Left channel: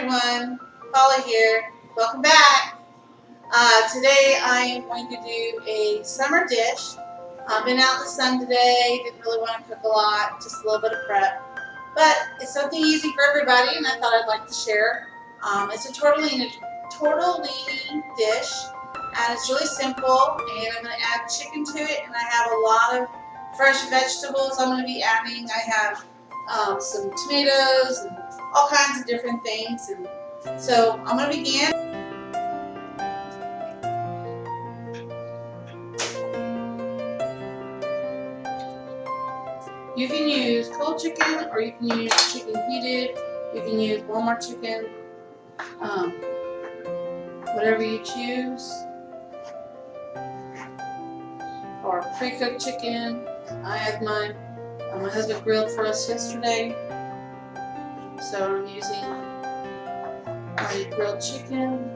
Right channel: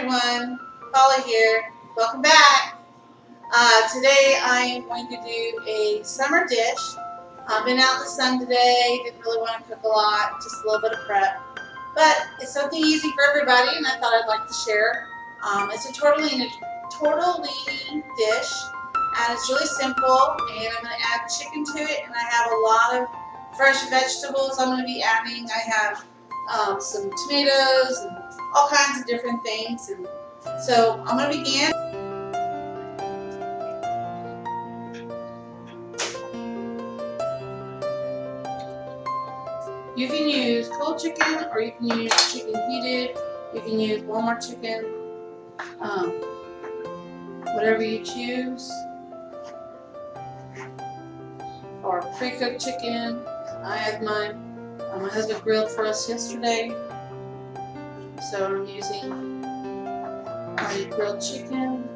everyone, Paula here. Welcome back. Today I am going to do a summer dish. I've been out in the sun today, didn't really want to cook a lot, just a little bit of prep. But it's something easy for everybody and I thought I'd like to share. It's a tortellini dish and it's really simple, and I'm going to add chicken to it, and I have a lot of fresh vegetables I'm going to be adding. I have some tomatoes and all kinds of different things. And so I'm going to begin. You can use cold chicken or you can use chicken heated. You can use Walmart chicken, whatever you choose, or pre-cooked chicken. I had mine. My husband grilled for us yesterday, so I'm using my grilled chicken.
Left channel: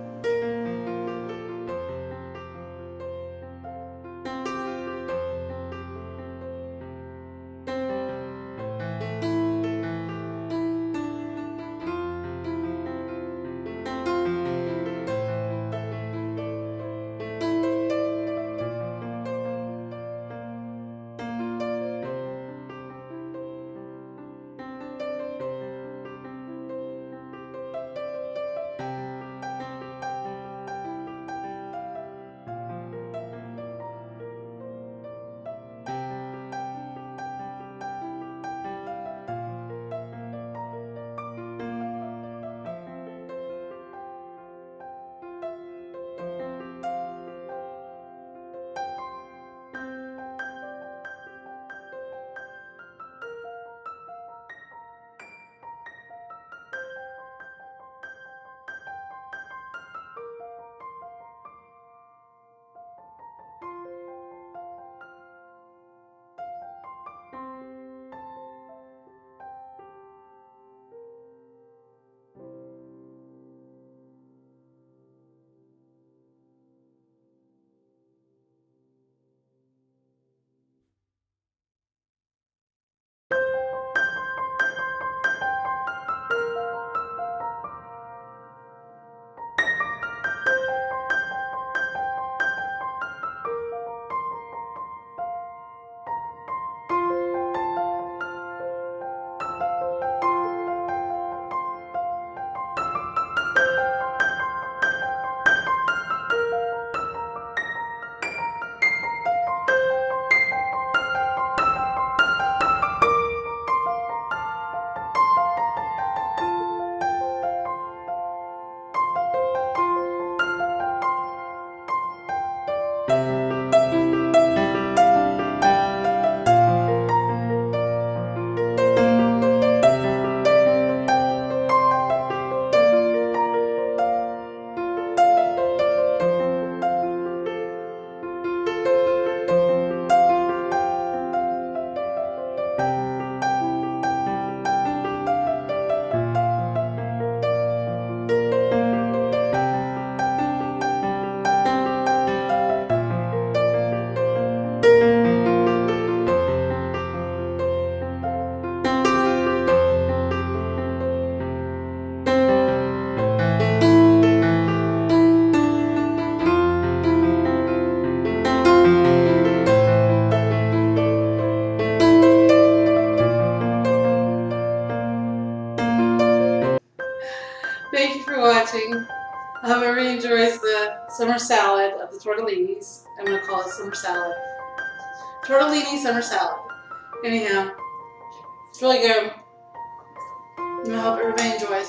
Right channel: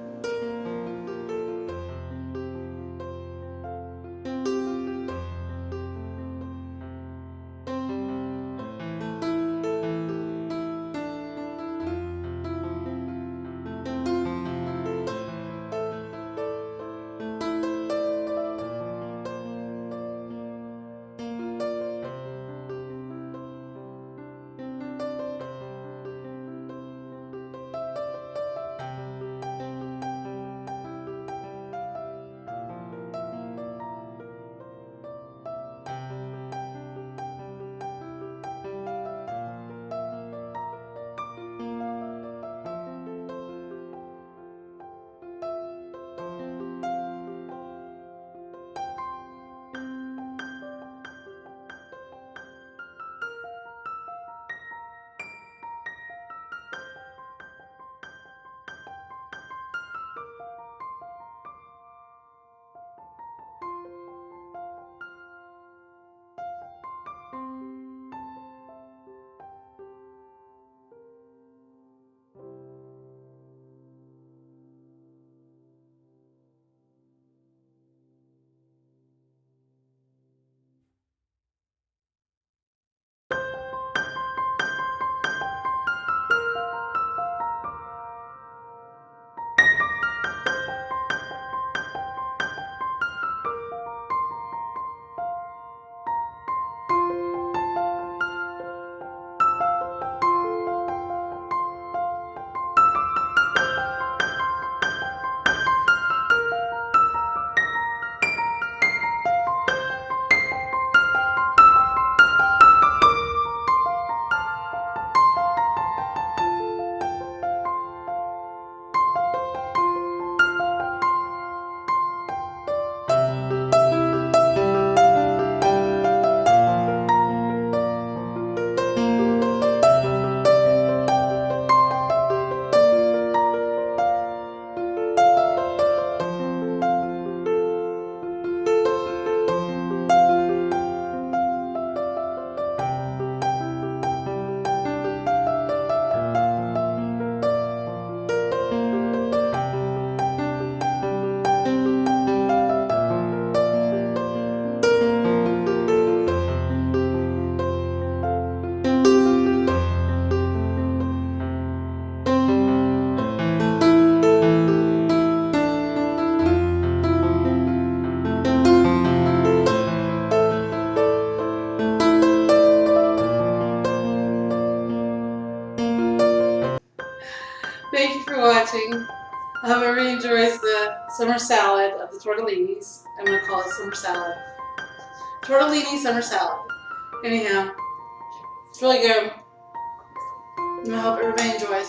Thank you for watching. I hope everybody enjoys the summer salad of the tortellinis. I'm going to call it summer salad. Tortellini summer salad. Anyhow, it's really good. I hope everybody enjoys.